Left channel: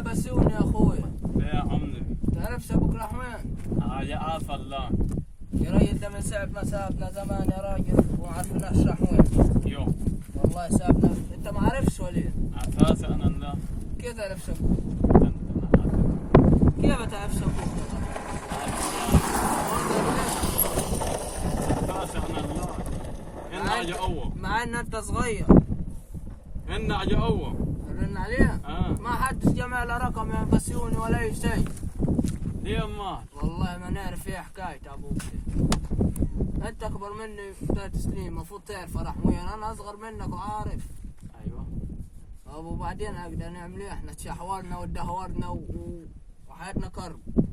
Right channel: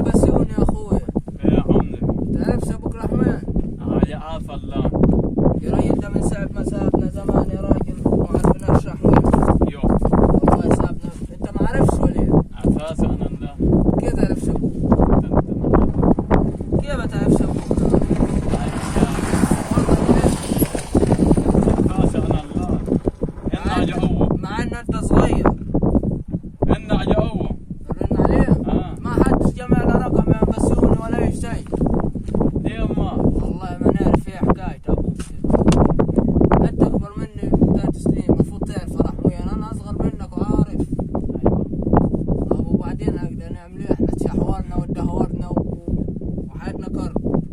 بسيوني يا اخوي. يا عمي تعرف ابوك رحمن؟ يا عاف الله. يا راجل ده من ساعة ما سابنا زمان يا راجل وما عرفناش راح وين. يو والله سابنا، انت ما عرفتش ولا ايه؟ عفاسة انا الله. كيف تعرف ابوك؟ كيف تعرف ابوك؟ عفاسة انا الله. هنا يا هو. مع ان انت صغير. هنا يا هو. رن عليه؟ ما حدش جمع له رقم يا بسيوني ولا اي شيء. ليه ما؟ والله ما نعرف ايه حكاية ابوك. انت اكبر مني في تسليم، المفروض تعرف يا رحمن، انا اصغر منك وعارف. طب وبعدين هكذا نعمل ايه؟ احنا تشحورنا ودهورنا وحياتنا كرب.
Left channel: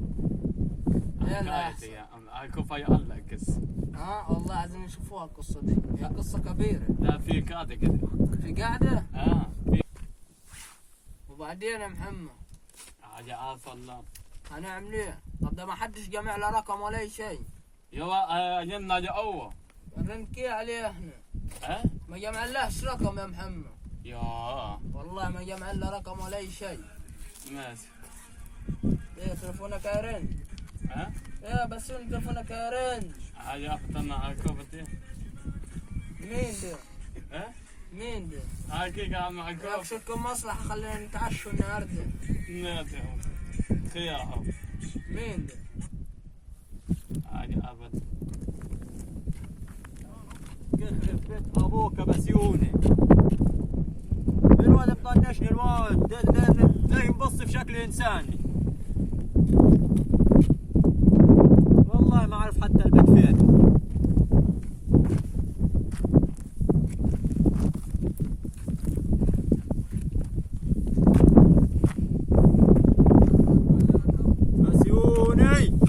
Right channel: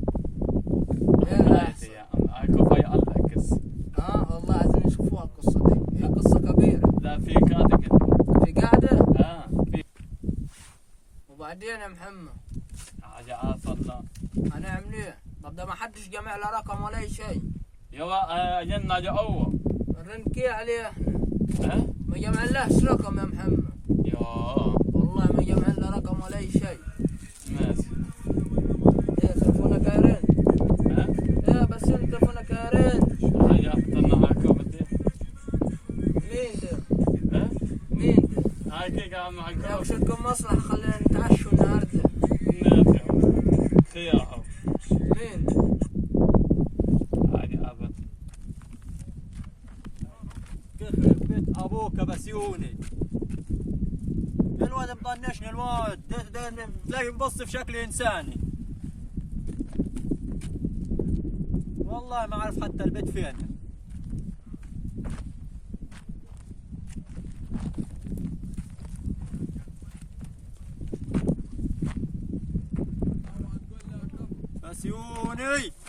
ايه حكايتي يا عم كيف هي الله قصة. والله عايزين نشوفوها القصة دي، هي قصة كبيرة. لا في قاعدة كده. في قاعدة؟ في. وبعدين يا محمد يا عاف الله. هنعمل ايه؟ طب ده ما حدش جمع له رقم ولا اي شيء. يا هنا يا هو. نرنكي عليه احنا. ها؟ ما جمعناش رقم يا محمد. يا والله ما جمع لنا رقم ولا اي شيء. ماشي. ايه تلفونك يرن؟ ها؟ ايه بس انت تلفونك يرن. يا اقتنع هاكو بدي. مين ده؟ ها؟ مين ده؟ هاي كي قاعد معك. ياك شو لكم مصلحة خلينا نتعشوا النهارده. ماشي. خيار. مين ده؟ هاي ابد. يخرب بيت ابوك يا بسيوني. الواد مطنشني الواد تلاقي مبص في شكل انساني. والله ما اعرف حتى البيت فين. بسيوني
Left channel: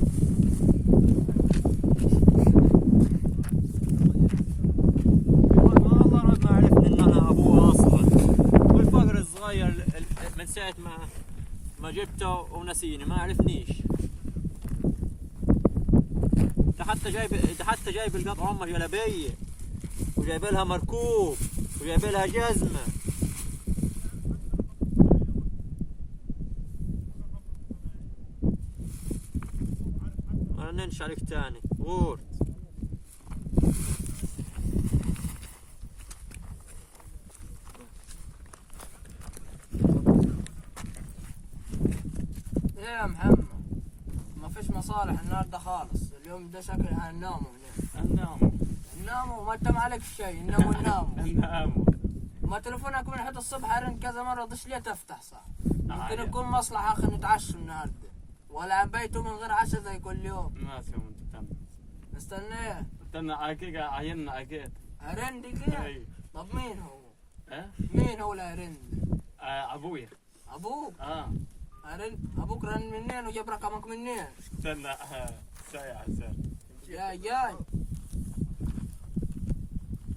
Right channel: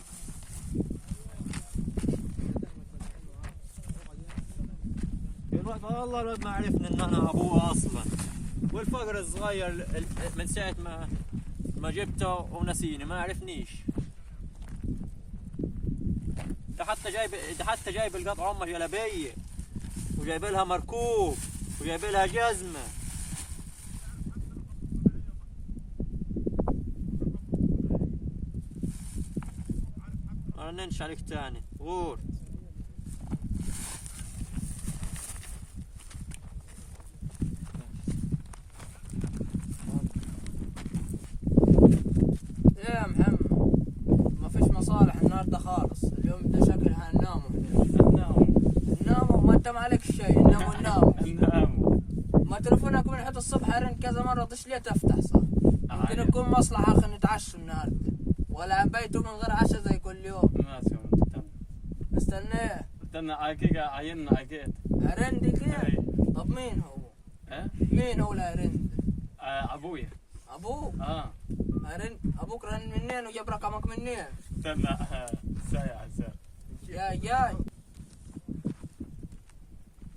والله الواد ما عرفني ان انا ابوه اصلا. والفقر الصغير من ساعة ما جبته ونسيني ما عرفنيش. ده حتى جايب القطع امه جلابيه وجايب لها مركوب وجايب لها جزمه. انا ننش عليك تاني غور. ايه يا محمد؟ ما فيش مصالح النهارده خالص، اليوم ده شكلها هنناموا. ناموا ما انت ما عليك شيء، ناموا. ما تلفونك من حتى الصبح ارن كذا مرة، طش ليه تفتح صح؟ يمكن يكون مصلحة اخي نتعشوا النهارده، ولا بيتوا من غير عشاء زي كل يوم. ماشي وانت استنيه. استنى عايكيكا عيننا عيكيت. ارن دي كده؟ طب مين هو؟ مين هو اللي ارن؟ ابويا. ابوك؟ ارن ابوك رن منين وجاب رقمك منين؟ استنى ساعة. جاي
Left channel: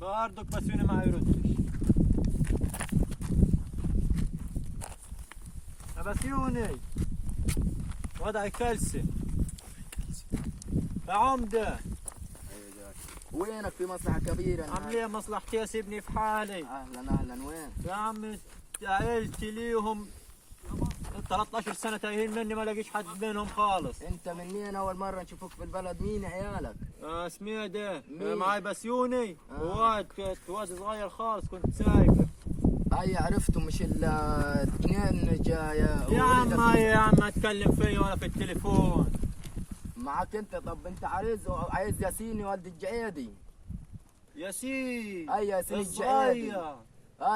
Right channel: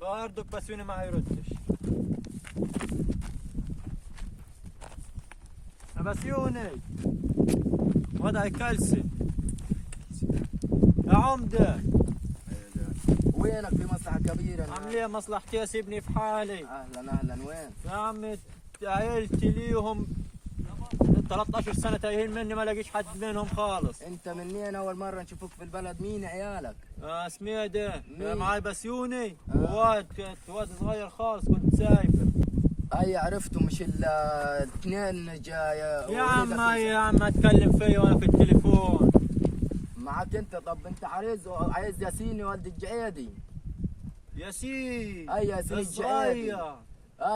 برضك بسيوني ما يردش. يا بسيوني وضعي كلسي يا عمده. وينك في مصلحة كبيرة؟ عامل ايه مصلحتي يا سيبني في حالي. اهلا وين؟ يا عمي عيلتي ليهم 13 سنة تايهين مني، ما لاقيش حد منهم خالص. انت منين اول مرة نشوفك في البلد؟ مين عيالك؟ سميدة معاي بسيوني وواد صغير خالص كنت سايفه. اي عرفته، مش الاثنين جاي. يا عم اتكلم فيا وانا في التليفون معك انت. طب انت عايز ياسين ولد الجعيدي؟ ياسين. اي ياسين الجعيدي.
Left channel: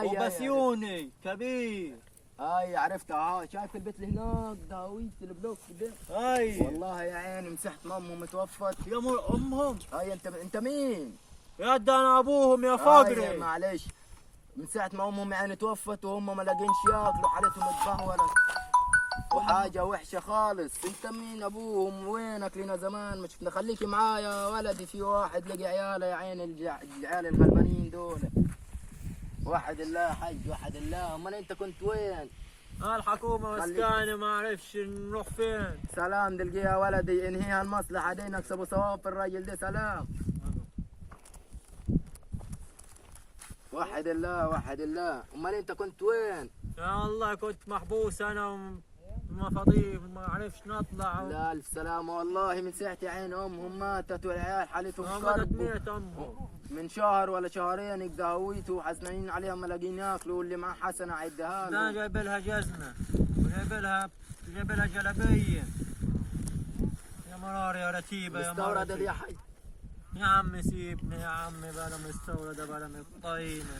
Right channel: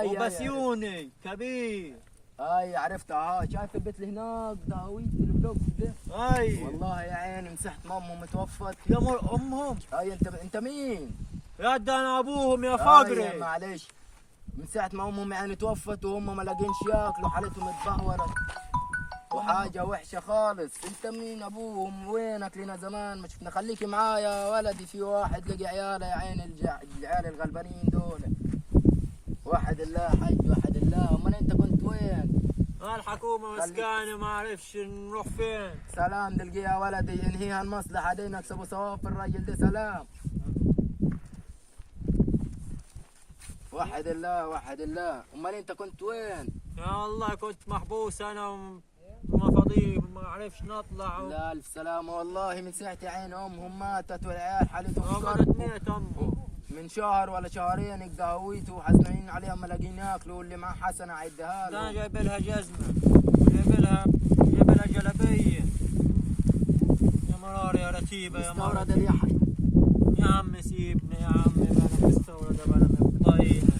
وبسيوني كبير. اي عرفته. شايف البيت اللي هناك داويت البلوك ده؟ والله يا عيني مسحت مامهم متوفت. يا امهم. انت مين؟ يا ده انا ابوهم يا فقري. معلش، من ساعة ما امهم يعني توفت وهم ما لاقينش ياكلوا، حالتهم اتدهورت وحاجة وحشة خالص. انت مين ابوهم؟ وينك لنا زمان ما شفنا؟ خليكي معايا ولدي، في واحد لقي عياله يا عين العيال الغلبانين دول. وحد الله حج، وحد الله. امال انت كنت وين؟ الحكومة مسكاني ما اعرفش نروح فين. سلام تلقيها ولدي، انهيها المصلحة دي، نكسبوا ثواب في الراجل ده. سلام. وحد الله. امال انت كنت وين؟ يا والله كنت محبوس انا وما فاضي ما عرفش نطلع لا الف سلامة والله، من ساعة عين امهم ماتت والعيال حالتهم قعدت صرف. ميت امه. من شهر ولا شهرين يقهويتوا وحزنين عليها ما لاقيين ياكلوا، واللي معاه حسنة عدها ده لهم. جايب لها جزمة جايب لها جلابية. يا مرار يا رتيبة يا مرار. مستورد اليحيى. يا عم سيبني يا عم بلا مستوردة بلا مفضينة.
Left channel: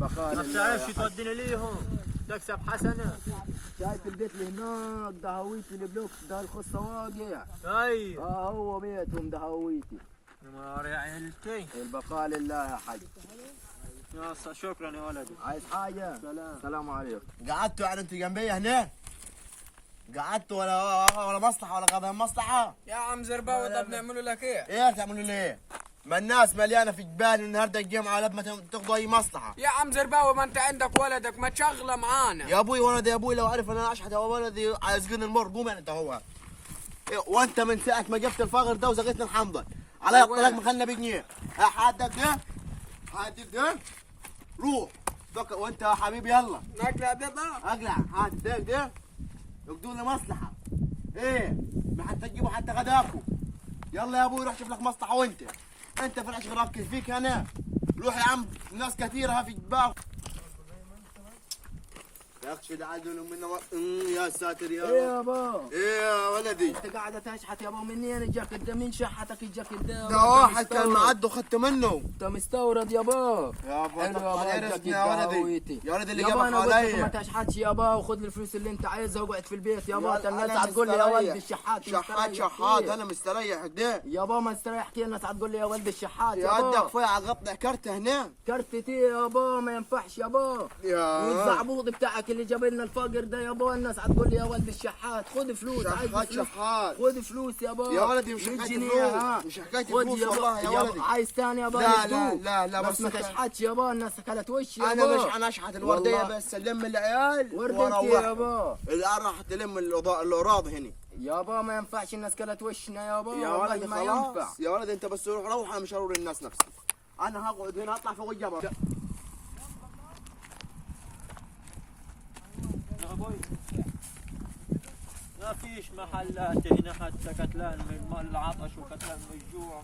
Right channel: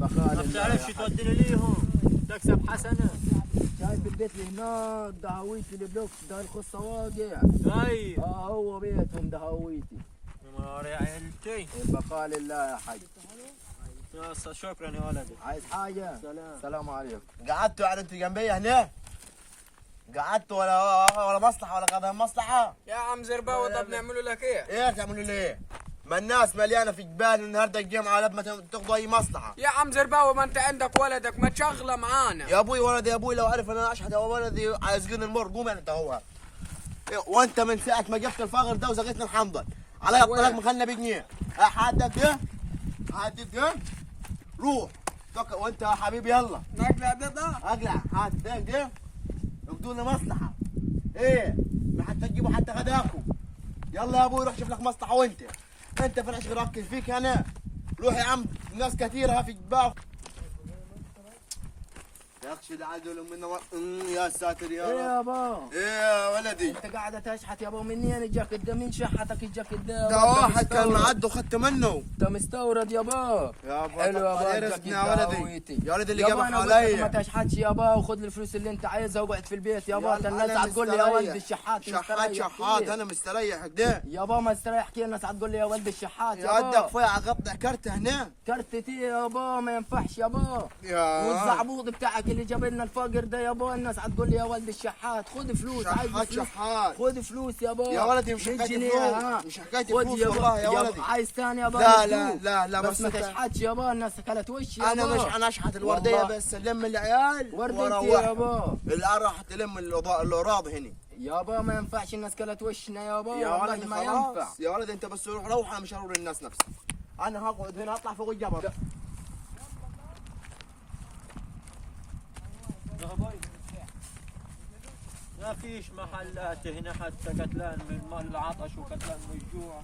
ما بتعرفش توديني ليهم تكسب حسنة. شايف البيت اللي هناك دهويتي البلوك ده الخصة واقع. اي هو بيتهم دهويتي. يا مرار يا عيلتي. البقاء لله يا حاج. يا شكرا يا ولدي. عايز حاجة؟ سلام عليكم. قعدتوا يعني انتوا جنبي هنا؟ قعدتوا ولا مصلحة ولا قضايا مصلحة؟ يا عم زرباوي طب نعملوا لك ايه؟ ايه تعملوا ليه؟ ما الناس مليانة في جبال النهارده الجمعة لما تاخذوا أي مصلحة. يا عم زرباوي ما انت عندك ولدك ما تشغله معانا. يا أبوي ولدي يا أبوي لو عرف أنا أشحت ولدي عايزين المر قوم يعني أنت هو. إيه وأنت من ساعة ما جبت الفقر ده وزقيتنا الحنظل على يقتلك مخلنا بجنيه. حدك ده؟ حدك ده؟ روح وأنت يا حبيبي يلا. نقلع ده اقلع هات الدق ده اقدوا لنا مصلحه. ايه ما حتى تجيبوا حتى غداكم. يلا يا ابوي روح شوف لك مصلحه. وانت في العشق ركز فيك انا. روح يا عم ناس كثيره في جبال. يخشى عدل من يا ساتر يا ايه رب. يابا؟ ايه يا ولدي؟ انت قاعدة تشحت يابا، منين اجاك الدم؟ مين شحتك اجاك الدم؟ ده واحد كان معد وخدت منه. انت مستورد يابا. يا ابو حلو يابا، عرفتني يا ولدي. يا ولدي اللي يابا جابك انا قلت لك ما عليا. تشحتش يابا، وخذ الفلوس اللي انت عايزها واقعد في البيت يابا. انت الناس أنا هتقول لي يا ولد مستريح. الشحات. شحات مستريح شحات كيف؟ انا مستريح كده. يابا ما استريح كيف؟ الناس هتقول لي يا ولد الشحات يا ودك يابا. فيا قطع كرت هنا. كرتتي يابا ما ينفعش يابا. يا والزعبوط بتاعك اللي جاب لنا الفقر ده يابا، الناس هتقول لي يا ولد الشحات. خذ فلوس. عايز شحات فلوس. شحات. خذ فلوس يابا. يا ولدي مش 100 حكاية جنيه، فلوس. ها. مش حكاية خذ فلوس يابا. والله يا ولدي. عايز ثاني يابا؟ لا ندوك. لا بس ما بس تشحتش يابا، الناس اكلت وش يابا. انا اشحت الورديه والله. بس الم العيال وردتي يابا. العيال راح تلم الاوراض هنا. يابا ما ينفعش، الناس كلت وشنا يابا. يا والله ولدي ما ينفع. خلاص يا ولدي انت بس روح انا مش هرور الناس نفسها. انا هقعد هنا اطلع فوق الجبل. ما فيش محلات هنا حتى كتلان من العطش وكتلان من الجوع.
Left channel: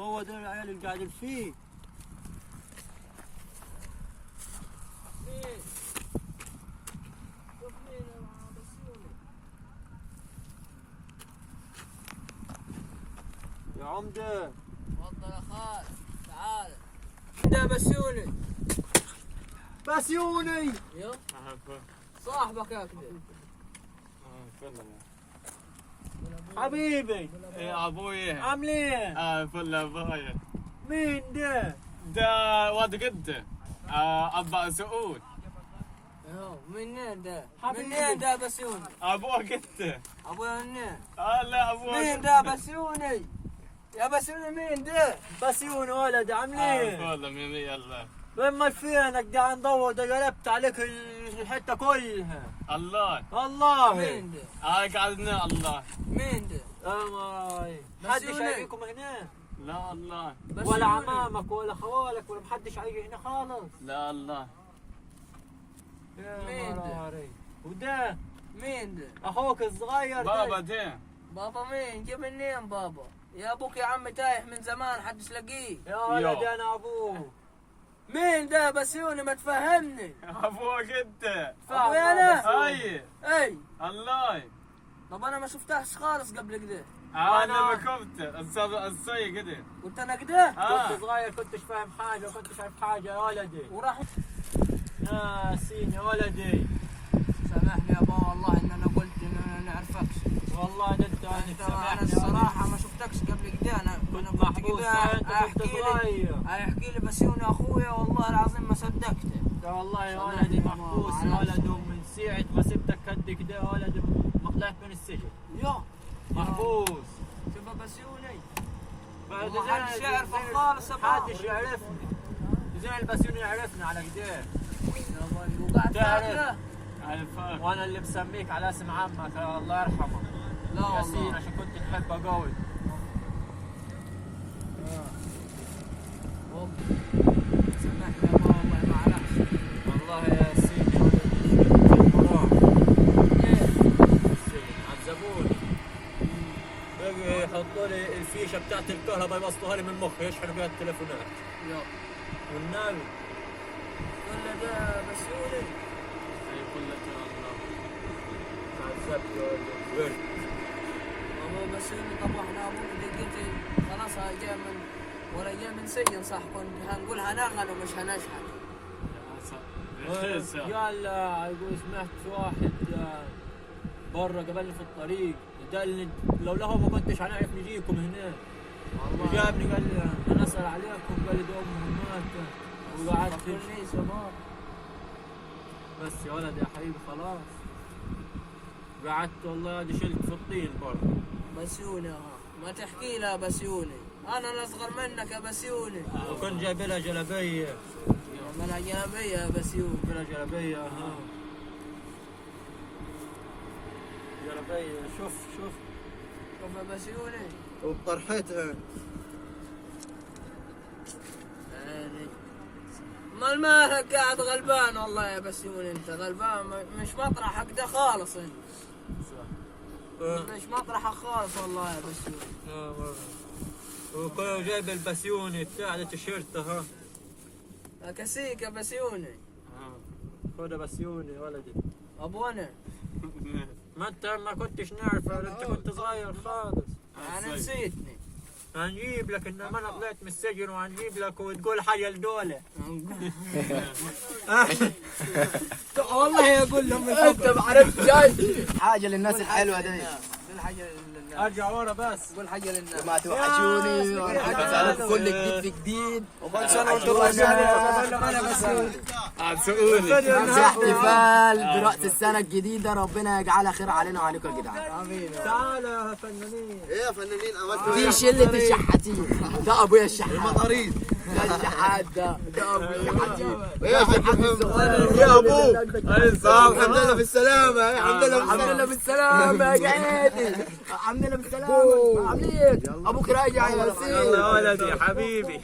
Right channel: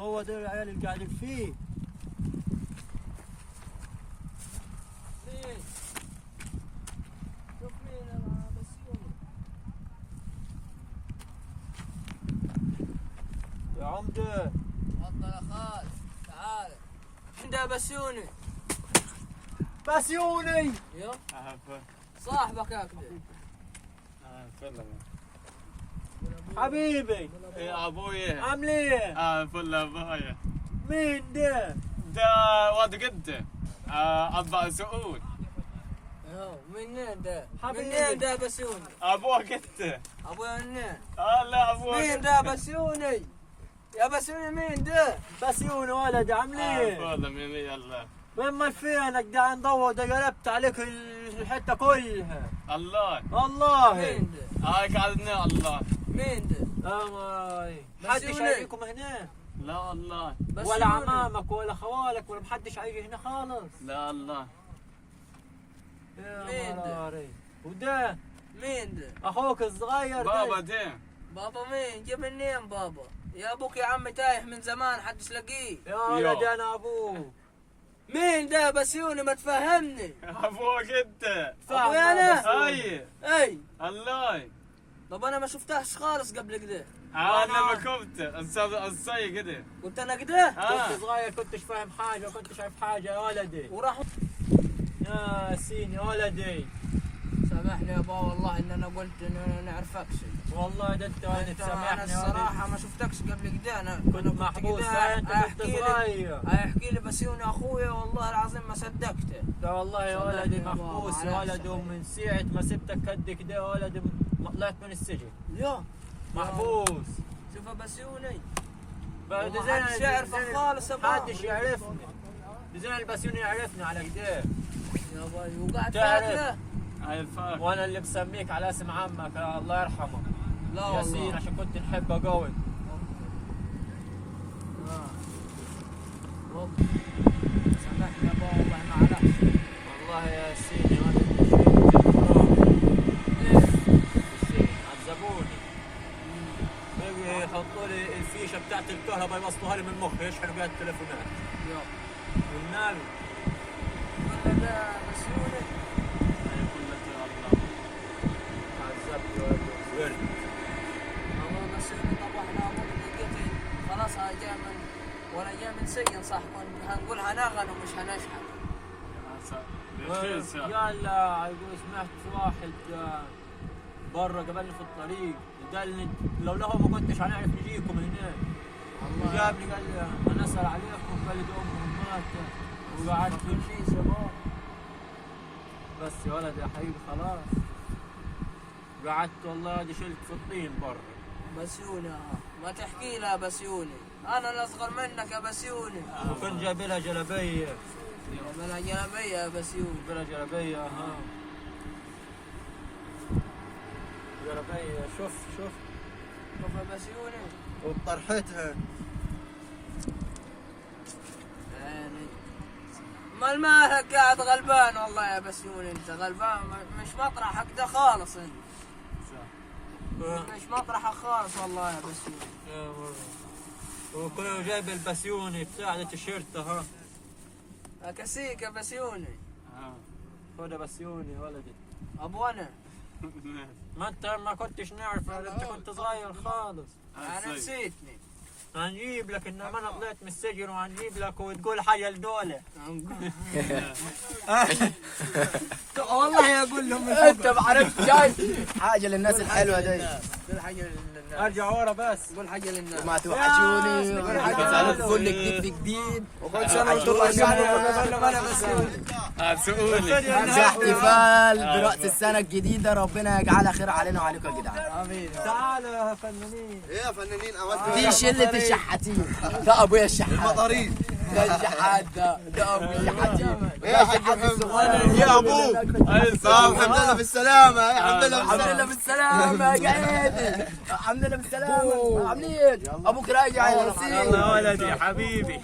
هو ده العيال اللي قاعدين فيه. يا عمدة تفضل يا خال تعال. ده بسيوني. بسيوني يو صاحبك يا كبير. حبيبي يا ابوي. عامل ايه؟ فل ابوي. مين ده؟ ده واد قد ابا سعود. منين ده؟ حبيبي. منين ده بسيوني؟ ابوه قد. ابويا منين؟ لا ابوه مين ده بسيوني؟ يا بسيوني مين ده؟ بسيوني ولد عامل ايه؟ فل من يلا. وين فينك قاعد ندور ده قلبت عليك الحته كلها. الله. والله مين ده؟ قعدنا الله. مين ده؟ اماي حدش بسيوني. هيجيكم هنا لا الله. ولا بسيوني. عمامك ولا خوالك ولا محدش هيجي هنا خالص. لا الله. يا مين ده؟ مراري وده مين ده؟ اخوك الصغير بابا ده. ده. بابا مين؟ جيب منين بابا؟ يا ابوك يا عم تايح من زمان حدش لاقيه. يا ولد انا ابوه. مين ده بسيوني ما تفهمني؟ ابوه قد. ابويا انا؟ اي اي الله. طب انا ما شفتهش خالص قبل كده. انا بكبت الصي كده. قلت انا كده كنت صغير كنتش فاهم حاجه كنتش عارف حاجه يا ولدي. وراح. يا سين يا ولدي سامحني يا بابا والله ان انا قلت ان انا نعرفكش. والله ده انت انا سامحني الصراحه ما شفتكش قبل كده. انا كنت محبوس انت كنت صغير. احكي لي بسيوني اخويا والله العظيم ما صدقته. ده والله يا سامحني ولدي يا بابا، محبوس يا معلش. ولد ومن ساعة ما سبتك قد كده يا ولدي ما طلعت من السجن يا محبوس. شوف يا بسيوني بعد والله محدش يعرفك خالص يا بابا. محدش يعرفني. زين البسيوني يعرفني على كده يا باي وقعد تعرف. تاكله. عارفك. وانا اللي مسميك على اسم عمك الله يرحمه لا ياسين والله. عشان كنت نحبه قوي. سامحني سامحني يا بابا معلش. والله يا سيدي ولدي عذبوني. بقي يحطوا لي الفيشه بتاعت الكهرباء يوصلوها لي من مخي يشحنوا بيها التليفونات. يلا والنبي قلنا بقى بسيوني. يقول لك يا الله. عذبت يا ولد. هو بسيوني طبعنا ابوك دقيقتي خلاص هاي جاي من ولا جاي من سجن صح كنت هنقول هنغن ومش هنشحن. يلا يقول سمعت في واحد برا قابلني في الطريق قال لو له ما كنتش هنعرف نجيكم هناك. وجابني قال لي انا اسال عليكم قال لي دي امهم ماتت وقعدت تقوليش يا بابا. بس يا ولد يا حبيبي خلاص قعدت والله دي شلت في الطين برا. بسيوني ما تحكي لها بسيوني انا الاصغر منك يا بسيوني. وكنت جايب لها جلابيه. من جلابيه يا بسيوني. جايب لها جلابيه جلابيه شوف شوف يا بسيوني. وبطرحتها. يعني مال مالك قاعد غلبان والله يا بسيوني انت غلبان مش مطرحك ده خالص انت. مش مطرحك خالص والله يا بسيوني. وكنت جايب البسيوني بتاع التيشيرت اهو. اكسيك يا بسيوني. خذ بسيوني يا ولدي. ابو انا ما انت ما كنتش نعرف انت كنت صغير خالص. انا نسيتني. هنجيب لك انما انا طلعت من السجن وهنجيب لك وتقول حاجه لدوله. والله يقول لهم انت ما عرفت جاي حاجه للناس الحلوه دي. قول حاجه للناس. ارجع ورا بس. قول حاجه للناس. ما توحشوني عليك كل جديد في جديد. وكل سنه وانتم عسولي. في احتفال براس السنه الجديده ربنا يجعلها خير علينا وعليكم يا جدعان. تعالوا يا فنانين. ايه يا فنانين عملتوا دي شله الشحاتين. ده ابويا الشحات. المطاريد. ده الشحات ده ابويا الشحاتين. ايه يا حاج محمد يا ابوك الحمد لله بالسلامه الحمد لله بالسلامه يا جدي. الحمد لله بالسلامه. عاملين ابوك راجع يا يا ولدي حبيبي.